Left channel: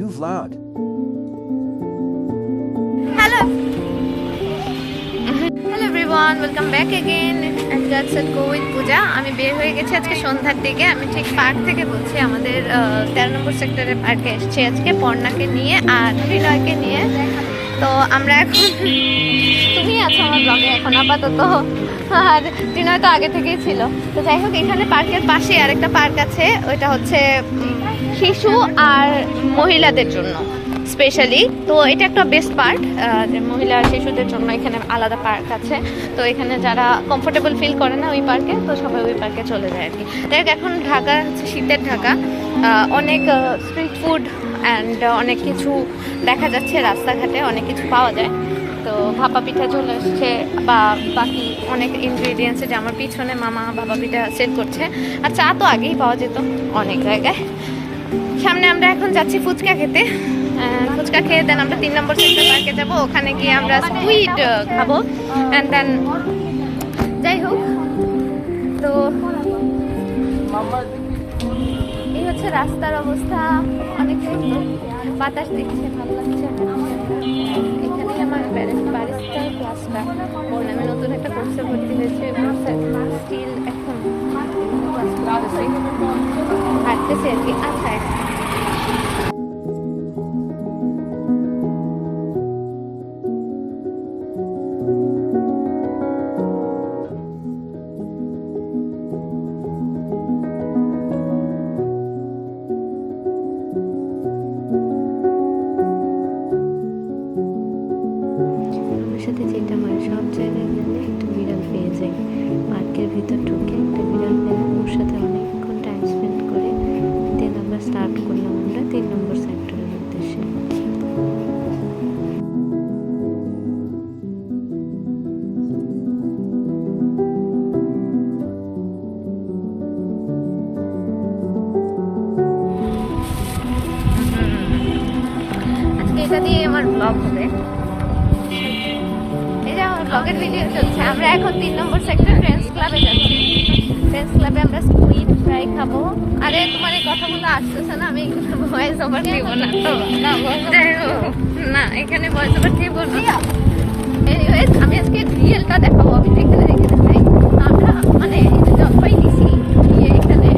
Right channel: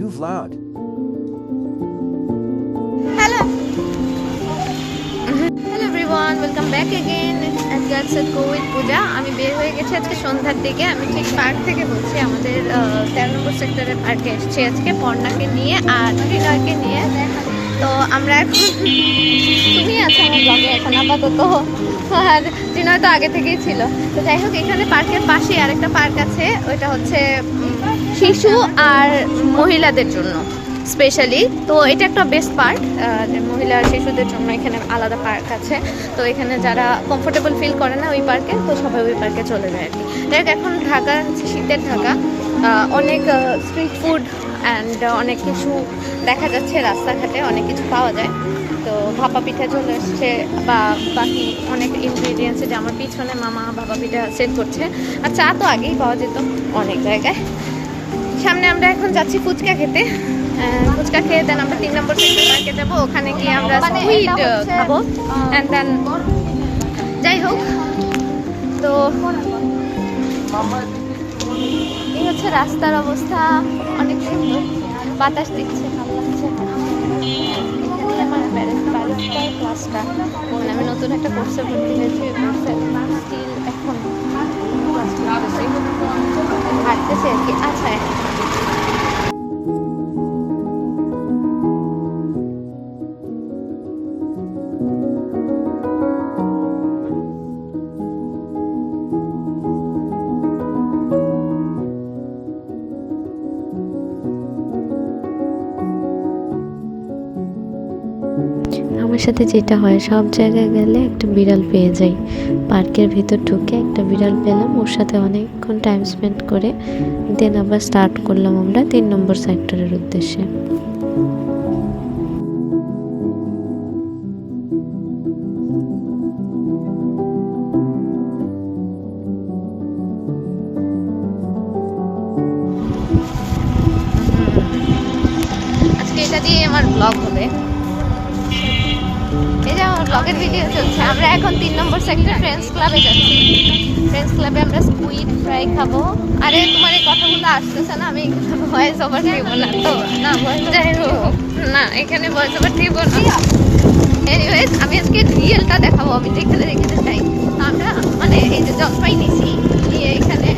New vlog. Hello hello everyone, welcome back again at girls at go with Puja. আমি বের হয়ে গেছি আজকে সন্ধ্যার দিকে। আমি ঠিক পার্ক থেকে বলছি, আমাদের 13 নম্বর সেক্টরের পার্কে এসেছি আজকে পর্ণাকে নিয়ে আর ত্রিনয়কে নিয়ে। তো আমরা এখন তুমি আছো আমার ব্লগে এখন আপাতত, আর ত্রিনয় তো আগে থেকেই ছিল। তো যাই হোক, এখানে পার্কের পাশে আরেকটা পার্ক আছে, ওইটা হচ্ছে শিশু আর মহিলাদের জন্য স্পেশালি। তো এটা একটা বেস্ট পার্ক, যে মহিলা আর শিশুদের জন্য এখানে আলাদা পার্ক আছে। তো এখানে যারা কমফোর্টেবল ফিল করে না ওই পার্কে, তো সবাই ওই পার্কে চলে যায় আর কি। দেখ, এখন ঢাকা হচ্ছে শীতের ঢাকা, অনেক স্ট্রিট ফুড অ্যান্ড অনেক কিছু দেখা যাচ্ছে রাস্তাঘাটে, অনেক কিছু পাওয়া যায়। তো ভাপা পিঠা চলে এসছে, বা বাকি অনেক ইনগ্রিডিয়েন্টস, যে আমার পিছনে মামা ভাপা পিঠা সেল করছে। আর চা তো আগেই পাওয়া যেত অনেক জায়গায়। সামনে আমরা এখন যাচ্ছি ফুচকা খেতে। ফুচকা খেয়ে দেন আমরা 3 নম্বর সেক্টর পার্কে যাবো, ওখানে গিয়ে আমরা স্কুইড খাবো অ্যান্ড দেন যাই হোক। তো এই হচ্ছে রাস্তার অবস্থা, অনেক সুন্দর, বাতাস দিচ্ছে, ভালো লাগছে হাঁটতে। এখানেই আমার ব্যারিস্টার ক্লাসটা, মানে আমি নতুন একটা কোর্সে ভর্তি হয়েছি, ওই কোর্সে স্টিল এখন ক্লাস করতেছি, হাঁটতেছি আর কি। আচ্ছা, আমার সাথে যেটা হয়, সব জায়গায় গেলে একটা বিড়াল পেয়ে যাই। পার্কের ভিতর ঢুকে একটা বিড়াল পেলাম, ওর সাথে অনেকক্ষণ টাইম স্পেন্ড করে দেন আবার স্টার্ট করলাম আমরা 3 নম্বর সেক্টরের উদ্দেশ্যে। আজকে এটা দিয়ে আমার ব্লগ হবে। এই যে আমার ব্লগের ভিডিও চলছে। আমরা এখন 3 নম্বর সেক্টর ফ্রেন্ডস ক্লাবে যাচ্ছি। ফ্রেন্ডস ক্লাবে আমরা স্কুইড ফ্রাই খাবো। আরে তোমার এই কথাগুলো আসতেছে না, আমি এখানে ভয়েস ওভার দিব না, তো যাই হোক, না এখানে ভয়েস ওভার দিব না। এনিওয়েজ, আমি আজকে রিয়েলটা দেখাবো, আমি যেখানে রেখেতে চাই। তো আমরা মানে এই যে জলপাই নিছি, নিয়ে এখানে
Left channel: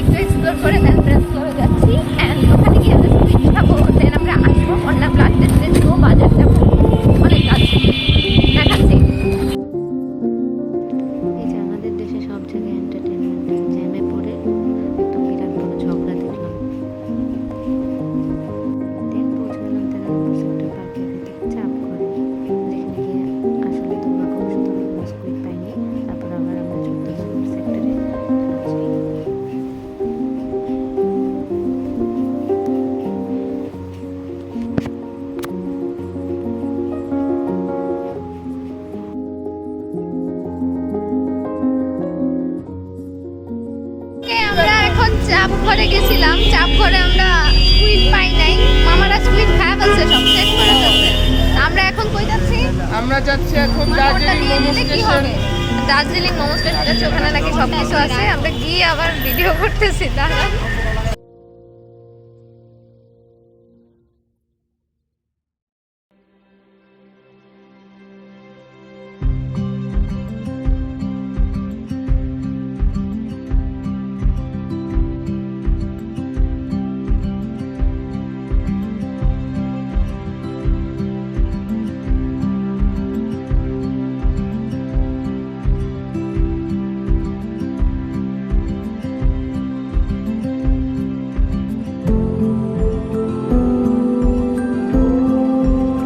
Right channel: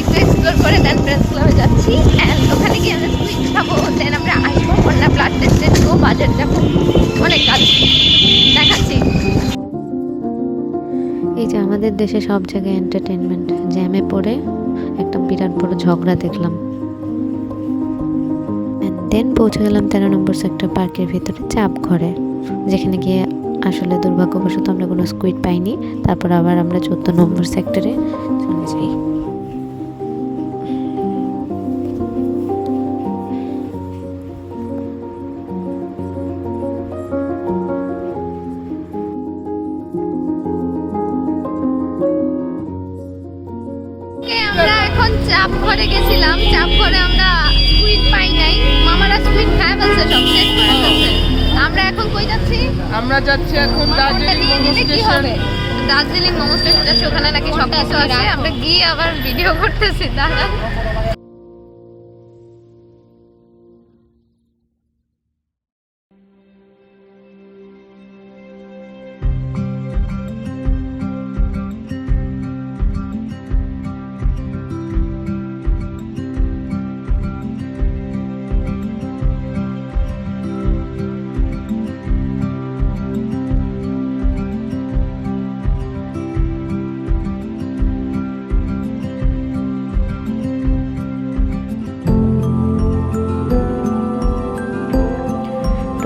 একটু এক্সপ্লোর করে দেন ফ্রেন্ডস ক্লাবে যাচ্ছি। অ্যান্ড ওখানে গিয়ে আমরা স্কুইড খাবো, দেন আমরা আসবো, অন্য ব্লাড টেস্টে দেবো, বাজার যাবো, অনেক কাজ দেখাচ্ছি। এই যে আমাদের দেশে সব জায়গায় এন্টারটেনমেন্ট, জ্যামে পড়ে একটা বিরাট বড় ঝগড়া দেখলাম। দেন পৌঁছে গেলাম 13 নম্বর সেক্টর পার্কের ভিতরে চাপ ঘরে, যেখানে গিয়ে আসলে দুর্ভাগ্যবশত আমরা কোনো স্কুইড পাইনি। তারপর আবার আমরা 14 নম্বর সেক্টরে চলে যাই। আমরা এখন চাপ ঘরে গেছিলাম, চাপ ঘরে আমরা স্কুইড পাই নাই, মামারা স্কুইড খায় ফেলছে, সব শেষ করে ফেলছে। আমরা এখন কই যাচ্ছি? আমরা যাচ্ছি এখন দার্জিলিং মোমো স্টেশন। দার্জিলিং মোমো স্টেশন যাচ্ছি, ওখানে নাকি সবকিছু আছে। আমরা গিয়ে আবার ভিডিও করতেছি, দাঁড়ান।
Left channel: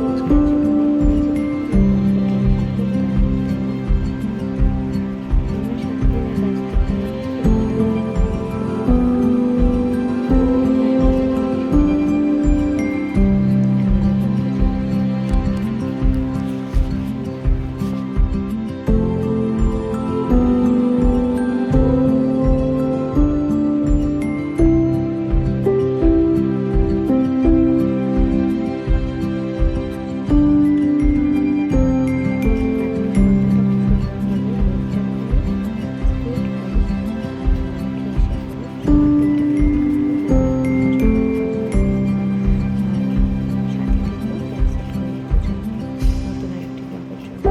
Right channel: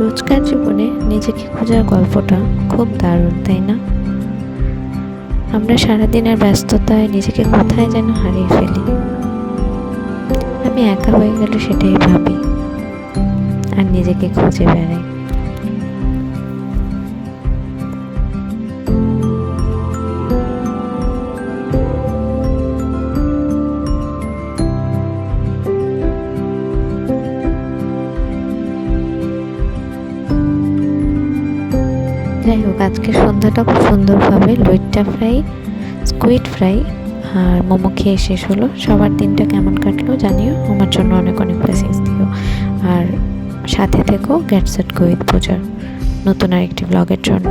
রোজকার জীবনে নিজেকে খোঁজার গল্পটা খুব দারুণ, তাই না? আমরা সারাদিনের ব্যস্ততায় নিজেকে কোথায় যেন হারিয়ে ফেলি। আমি একা হয়ে গেলে সেটাই ভাবি আর নিজেকে খুঁজে বেড়াই। যাই হোক, আজকে সন্ধ্যাটা খুব সুন্দরভাবে লইট্টা ফ্রাই, স্কুইড ফ্রাই আর মোমো খেয়ে শেষ হলো। সবার দিনটা কেমন কাটলো জানিও, আমার জন্য অনেক অনেক মেসেজ দিও। আর সাথে থেকো গেট সেট গো উইথ পূজার নতুন আরেকটি ব্লগের জন্য।